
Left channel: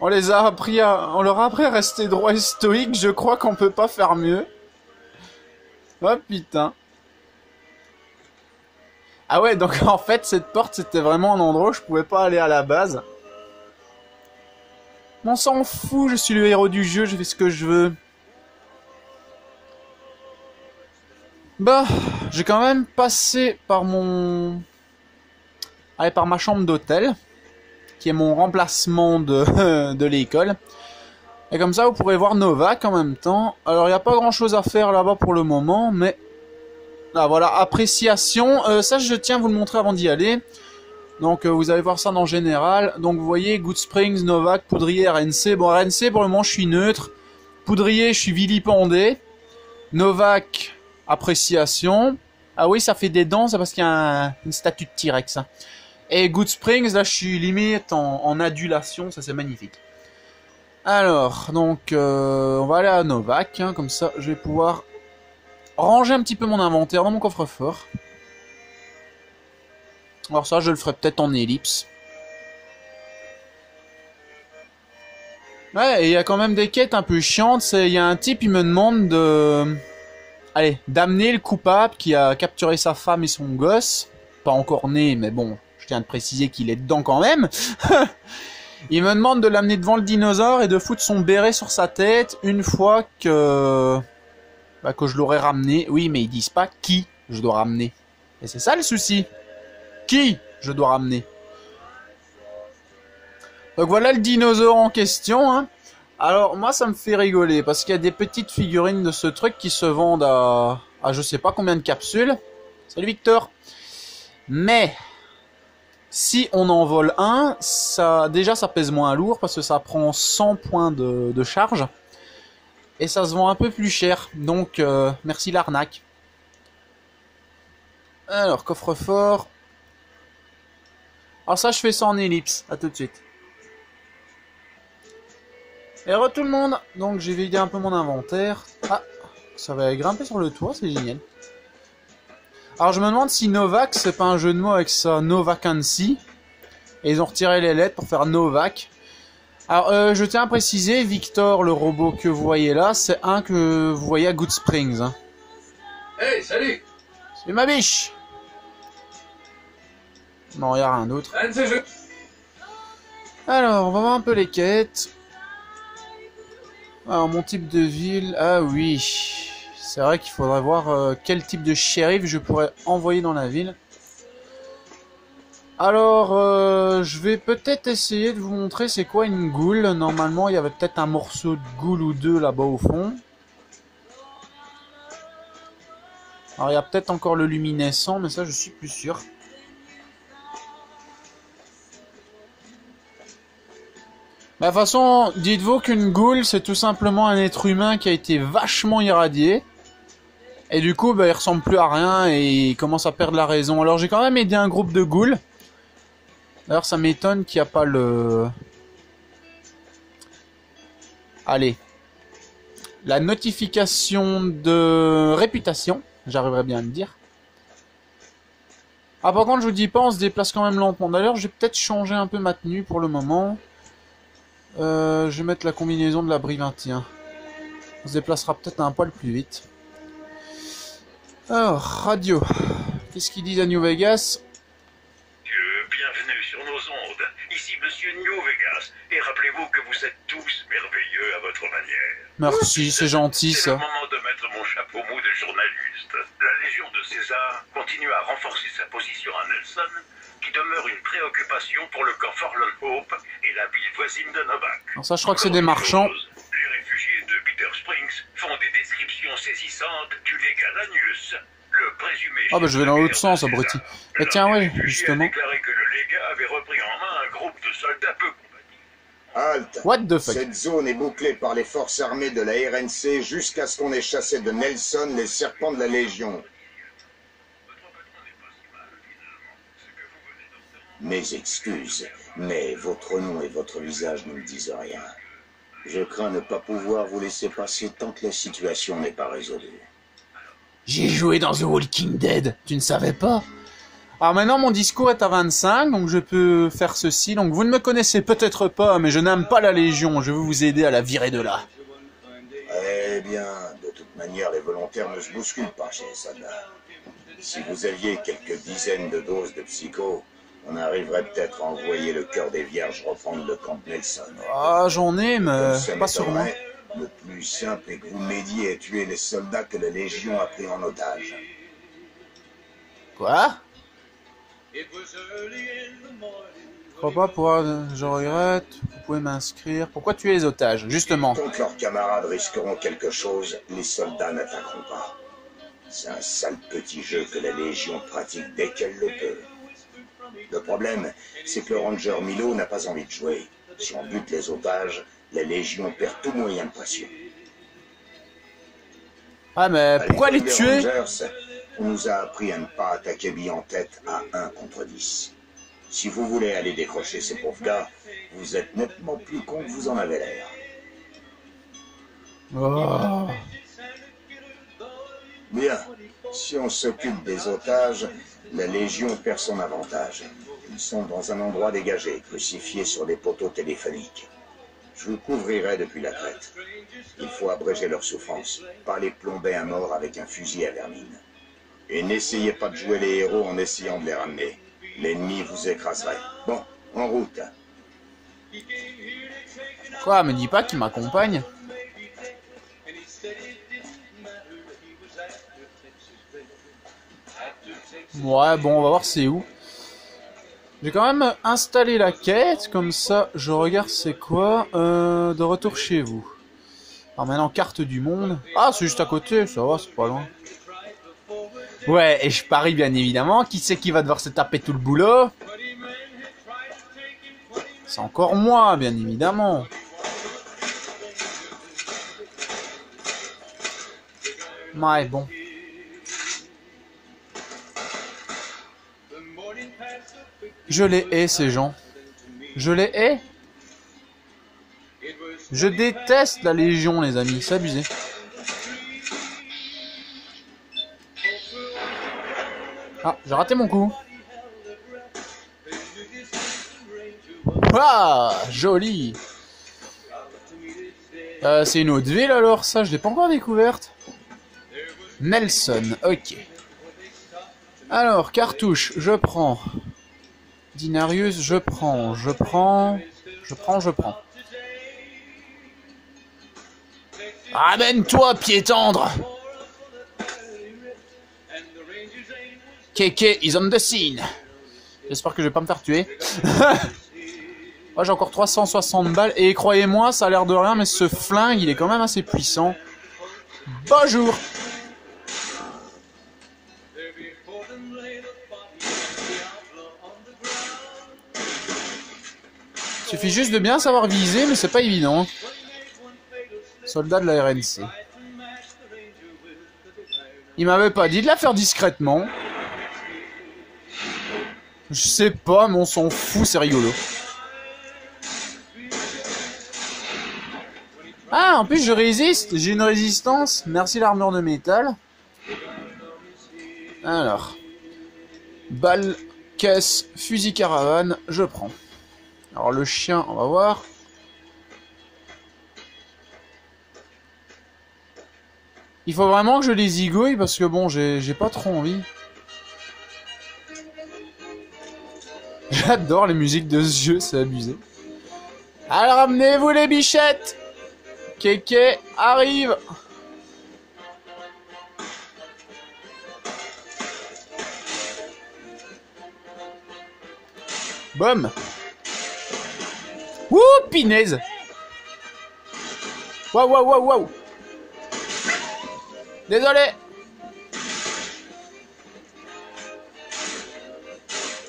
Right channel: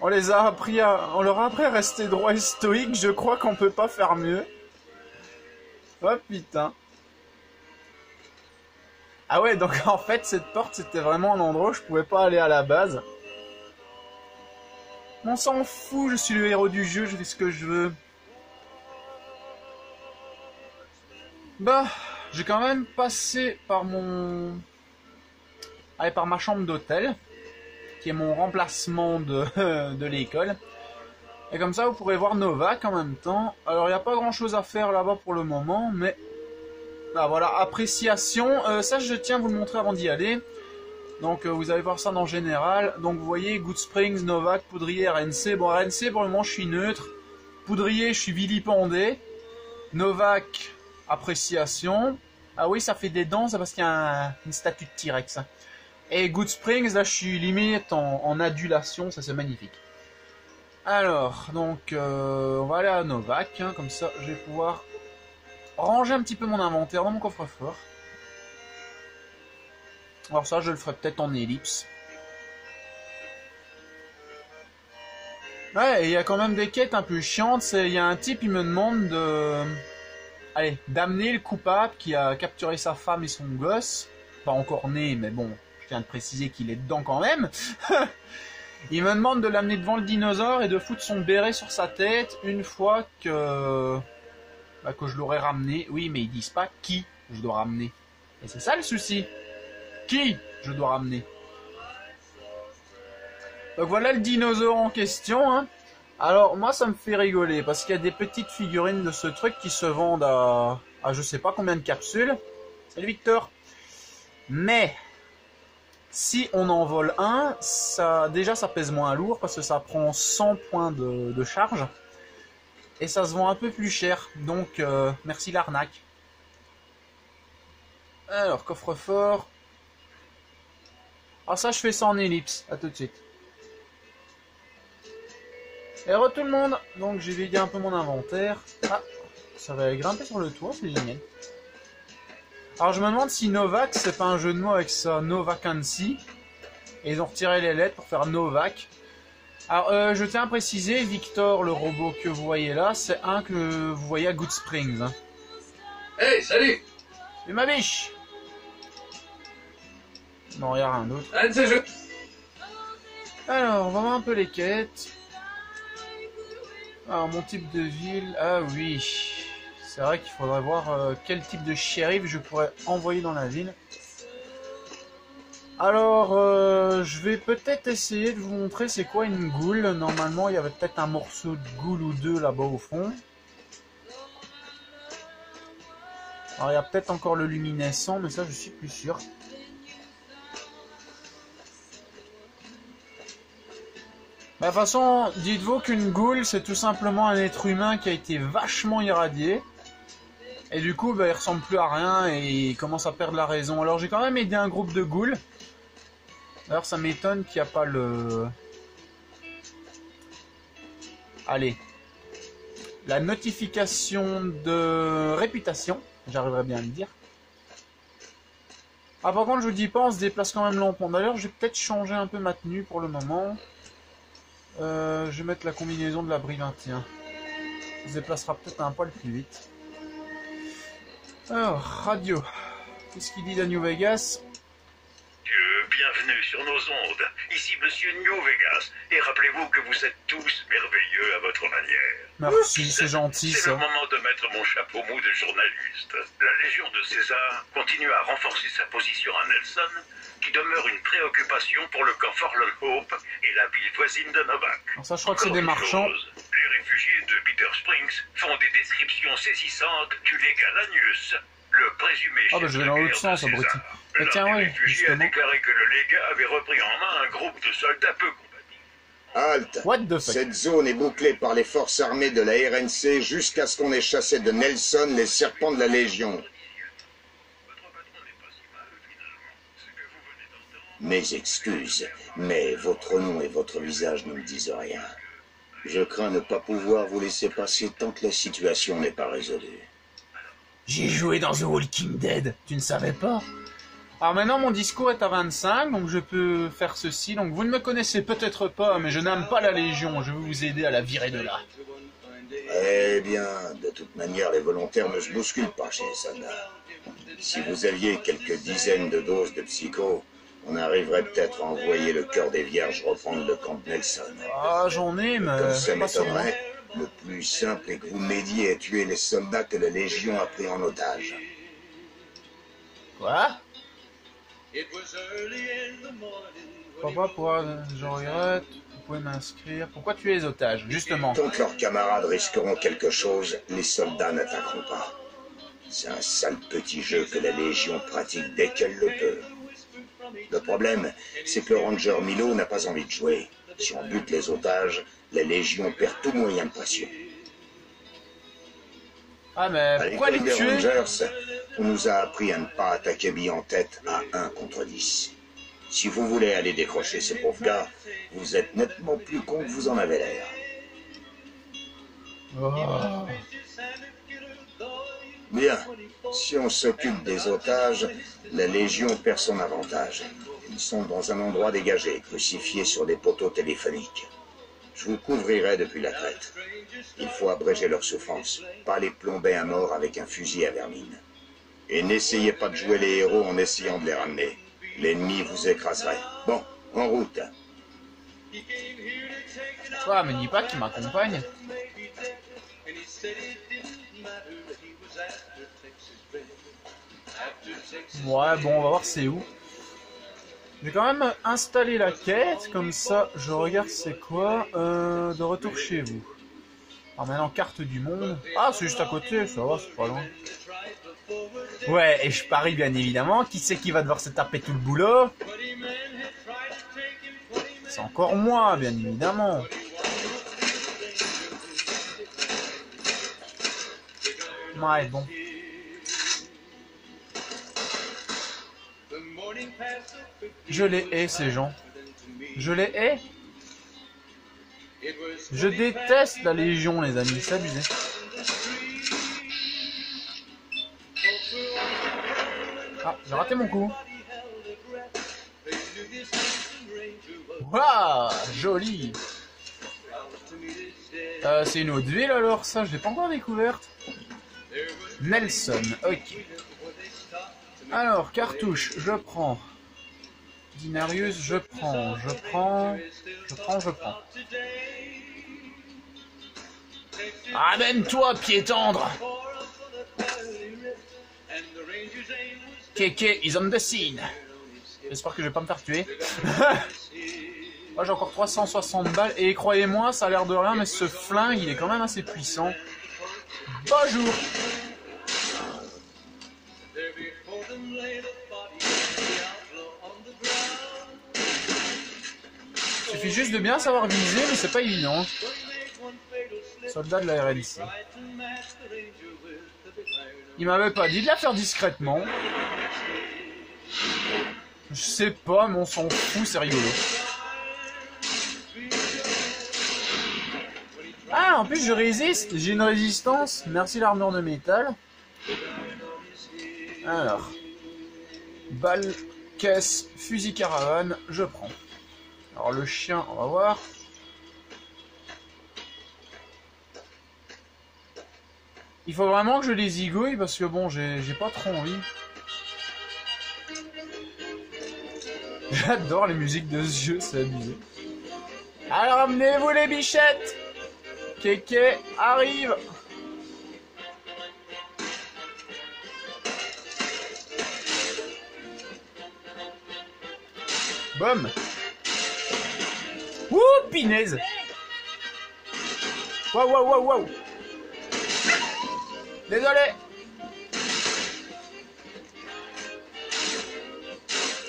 On leur a appris à rester droit et stoïque. Je crois qu'on peut pas faire mieux. Oh putain. Ah ouais, donc en fait, cette porte, c'était vraiment un endroit où je pouvais pas aller à la base. On s'en fout, je suis le héros du jeu, je fais ce que je veux. Bah, j'ai quand même passé par par ma chambre d'hôtel, qui est mon remplacement de l'école. Et comme ça, vous pourrez voir Novak en même temps. Alors, il n'y a pas grand-chose à faire là-bas pour le moment, mais... Là, voilà, appréciation. Ça, je tiens à vous le montrer avant d'y aller. Donc, vous allez voir ça dans général. Donc, vous voyez, Good Springs, Novak, Poudrier, RNC. Bon, RNC, pour le moment, je suis neutre. Poudrier, je suis vilipendé. Novak, appréciation. Ah oui, ça fait des dents, c'est parce qu'il y a une statue de T-Rex. Hein. Et Good Springs, là, je suis limite en adulation. Ça, c'est magnifique. Alors, donc, on va aller à Novak. Hein, comme ça, je vais pouvoir ranger un petit peu mon inventaire dans mon coffre-fort. Alors ça, je le ferai peut-être en ellipse. Ouais, et il y a quand même des quêtes un peu chiantes. Il y a un type, il me demande de... Allez, d'amener le coupable qui a capturé sa femme et son gosse. Pas encore né, mais bon, je tiens à préciser qu'il est dedans quand même. Il me demande de l'amener devant le dinosaure et de foutre son béret sur sa tête une fois que... Bah, que je l'aurais ramené. Oui, mais ils disent pas qui je dois ramener. Et c'est ça le souci. Qui je dois ramener. Donc voilà le dinosaure en question. Hein. Alors moi ça me fait rigoler parce qu'il y a des petites figurines de ce truc qui se vendent à je sais pas combien de capsules. Salut Victor. Mais si on en vole un, déjà ça pèse moins lourd parce que ça prend 100 points de charge. Et ça se vend un peu plus cher. Donc merci l'arnaque. Alors coffre-fort. Alors ça je fais ça en ellipse. À tout de suite. Et re tout le monde. Donc j'ai vidé un peu mon inventaire. Ah, ça va grimper sur le toit, c'est génial. Alors je me demande si Novak c'est pas un jeu de mots avec ça, No Vacancy. Et ils ont retiré les lettres pour faire Novak. Alors je tiens à préciser, Victor, le robot que vous voyez là, c'est un que vous voyez à Good Springs. Hein. Hey, salut! C'est ma biche! Non, il n'y a rien d'autre. Un de ces jeux. Alors, on va voir un peu les quêtes. Alors, mon type de ville... Ah oui. C'est vrai qu'il faudrait voir quel type de shérif je pourrais envoyer dans la ville. Alors, je vais peut-être essayer de vous montrer c'est quoi une goule. Normalement, il y avait peut-être un morceau de goule ou deux là-bas au fond. Alors, il y a peut-être encore le luminescent, mais ça, je suis plus sûr. Bah, de toute façon, dites-vous qu'une goule, c'est tout simplement un être humain qui a été vachement irradié. Et du coup, bah, il ressemble plus à rien et il commence à perdre la raison. Alors, j'ai quand même aidé un groupe de ghouls. D'ailleurs, ça m'étonne qu'il n'y a pas le... Allez. La notification de réputation. J'arriverai bien à me dire. Ah, par contre, je vous dis pas, on se déplace quand même lentement. D'ailleurs, je vais peut-être changer un peu ma tenue pour le moment. Je vais mettre la combinaison de l'abri 21. On se déplacera peut-être un poil plus vite. Alors, radio. Qu'est-ce qu'ils disent à New Vegas? Bienvenue sur nos ondes. Ici Monsieur New Vegas. Et rappelez-vous que vous êtes tous merveilleux à votre manière. Merci, c'est gentil C'est ça. le moment de mettre mon chapeau mou de journaliste. La Légion de César continue à renforcer sa position à Nelson, qui demeure une préoccupation pour le camp Forlorn Hope et la ville voisine de Novak. Alors ça, je crois que c'est des marchands. Les réfugiés de Bitter Springs font des descriptions saisissantes du légat Lanius, le présumé Ah bah je vais dans l'autre sens, abruti. Mais tiens, oui, réfugié a justement. déclaré que le légat avait repris en main un groupe de soldats peu combatifs. Halte! What the fuck? Cette zone est bouclée par les forces armées de la RNC jusqu'à ce qu'on ait chassé de Nelson les serpents de la Légion. Votre patron n'est pas si mal, finalement. Ce que vous venez d'entendre... Mes excuses, mais votre nom et votre visage ne me disent rien. Je crains ne pas pouvoir vous laisser passer tant que la situation n'est pas résolue. J'ai joué dans The Walking Dead, tu ne savais pas? Alors maintenant mon discours est à 25, donc je peux faire ceci. Donc vous ne me connaissez peut-être pas, mais je n'aime pas la Légion, je veux vous aider à la virer de là. Eh bien, de toute manière, les volontaires ne se bousculent pas chez les soldats. Si vous aviez quelques dizaines de doses de psycho, on arriverait peut-être à envoyer le cœur des vierges reprendre le camp de Nelson. Ah j'en ai, Comme mais ça pas sur moi. m'étonnerait, le plus simple est que vous m'aidiez à tuer les soldats que la Légion a pris en otage. Quoi? Je crois pas pouvoir... Je regrette, vous pouvez m'inscrire. Pourquoi tuer les otages? Justement. Tant que leurs camarades risqueront quelque chose, les soldats n'attaqueront pas. C'est un sale petit jeu que la Légion pratique dès qu'elle le peut. Le problème, c'est que le ranger Milo n'a pas envie de jouer. Si on bute les otages, la Légion perd tout moyen de pression. Ah mais À pourquoi les l'école des tuer? Rangers, on nous a appris à ne pas attaquer billes en tête à 1 contre 10. Si vous voulez aller décrocher ces pauvres gars, vous êtes nettement plus con que vous en avez l'air. Oh. Bien, si on s'occupe des otages, la Légion perd son avantage. Ils sont dans un endroit dégagé, crucifiés sur des poteaux téléphoniques. Je vous couvrirai depuis la crête. Il faut abréger leur souffrance, pas les plomber à mort avec un fusil à vermine. Et n'essayez pas de jouer les héros en essayant de les ramener. L'ennemi vous écraserait. Bon, en route. Quoi, me dis pas qu'il m'accompagne. Ouais, bon, on va voir c'est où. J'ai quand même installé la quête, comme ça je regarde c'est quoi. De retour chez vous. Alors maintenant, carte du monde. Ah, c'est juste à côté, ça va, c'est pas loin. Ouais, et je parie bien évidemment, qui c'est qui va devoir se taper tout le boulot? C'est encore moi, bien évidemment. Ouais, bon. Je les hais, ces gens. Je les hais. Je déteste la Légion, les amis, c'est abusé. Ah, j'ai raté mon coup. Waouh, joli. C'est une autre ville alors, ça, je l'ai pas encore découverte. Nelson, ok. Alors, cartouche, je prends. Dinarius, je prends. Je prends, je prends. Ramène-toi, pied tendre. Keke is on the scene. J'espère que je vais pas me faire tuer. Moi, j'ai encore 360 balles. Et croyez-moi, ça a l'air de rien, mais ce flingue, il est quand même assez puissant. Bonjour. Suffit juste de bien savoir viser, mais c'est pas évident. Soldat de la RNC. Il m'avait pas dit de la faire discrètement. Je sais pas, mais on s'en fout, c'est rigolo. Ah, en plus je résiste, j'ai une résistance. Merci l'armure de métal. Alors. Balle, caisse, fusil caravane, je prends. Alors le chien, on va voir. Il faut vraiment que je les zigouille parce que bon, j'ai pas trop envie. J'adore les musiques de ce jeu, c'est abusé. Alors amenez-vous les bichettes. Keke arrive. Boum. Ouh, pinaise. Waouh, waouh, waouh, waouh. Désolé.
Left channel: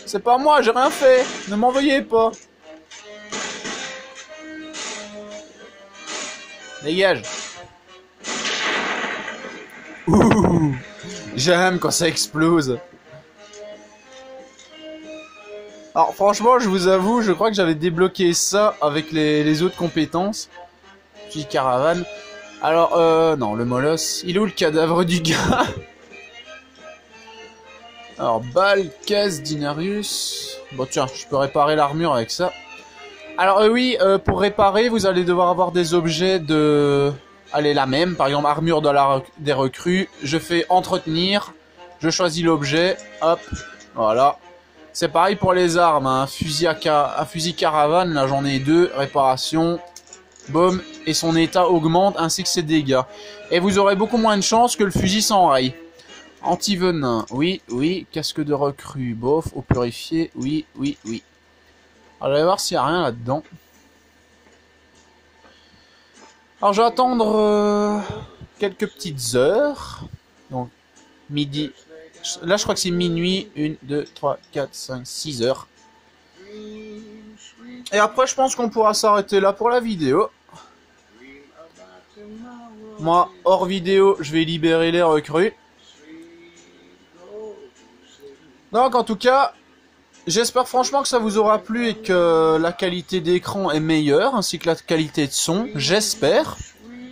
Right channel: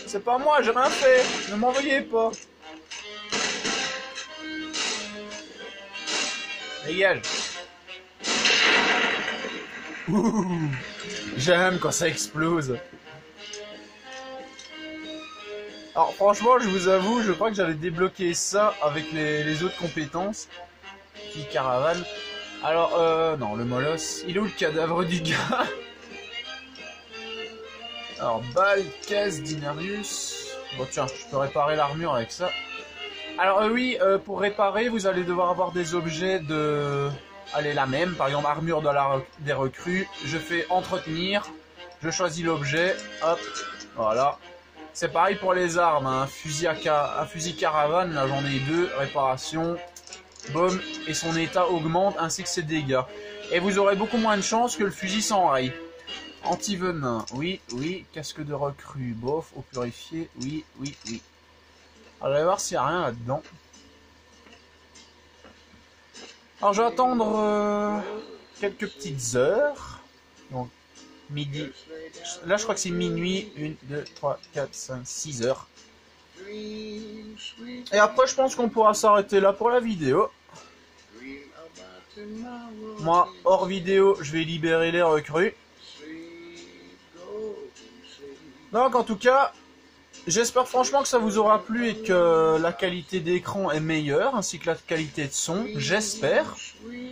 C'est pas moi, j'ai rien fait. Ne m'en veuillez pas. Dégage. Ouh, j'aime quand ça explose. Alors franchement, je vous avoue, je crois que j'avais débloqué ça avec les autres compétences. Puis caravane. Alors, non, le molosse. Il est où le cadavre du gars? Alors, balle, caisse, Dinarius. Bon, tiens, je peux réparer l'armure avec ça. Alors, oui, pour réparer, vous allez devoir avoir des objets de... Allez, la même. Par exemple, armure des recrues. Je fais entretenir. Je choisis l'objet. Hop, voilà. C'est pareil pour les armes. Hein. Un fusil caravane, là, j'en ai 2. Réparation. Boum, et son état augmente ainsi que ses dégâts. Et vous aurez beaucoup moins de chance que le fusil sans rail. Anti-venin, oui, oui. Casque de recrue, bof. Eau purifiée, oui, oui, oui. Alors, je vais voir s'il n'y a rien là-dedans. Alors, je vais attendre quelques petites heures. Donc, midi. Là, je crois que c'est minuit. 1, 2, 3, 4, 5, 6 heures. Et après, je pense qu'on pourra s'arrêter là pour la vidéo. Moi, hors vidéo, je vais libérer les recrues. Donc, en tout cas, j'espère franchement que ça vous aura plu et que la qualité d'écran est meilleure, ainsi que la qualité de son. J'espère.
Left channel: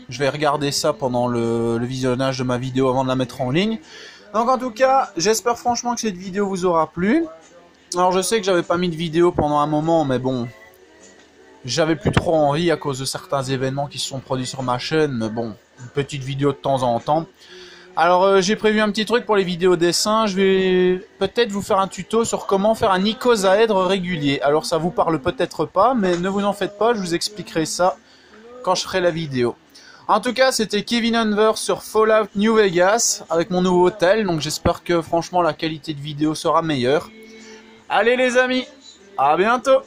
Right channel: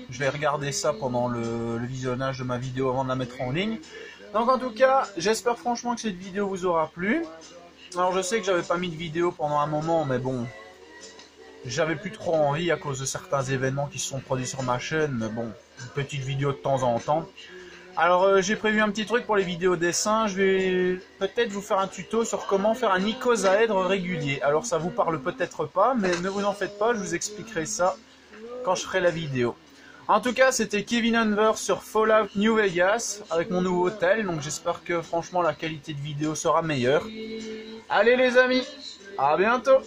Je vais regarder ça pendant le visionnage de ma vidéo avant de la mettre en ligne. Donc, en tout cas, j'espère franchement que cette vidéo vous aura plu. Alors je sais que j'avais pas mis de vidéo pendant un moment, mais bon, j'avais plus trop envie à cause de certains événements qui se sont produits sur ma chaîne, mais bon, une petite vidéo de temps en temps. Alors j'ai prévu un petit truc pour les vidéos dessins, je vais peut-être vous faire un tuto sur comment faire un icosaèdre régulier. Alors ça vous parle peut-être pas, mais ne vous en faites pas, je vous expliquerai ça quand je ferai la vidéo. En tout cas, c'était Kevin Unverse sur Fallout New Vegas avec mon nouveau hôtel, donc j'espère que franchement la qualité de vidéo sera meilleure. Allez les amis, à bientôt.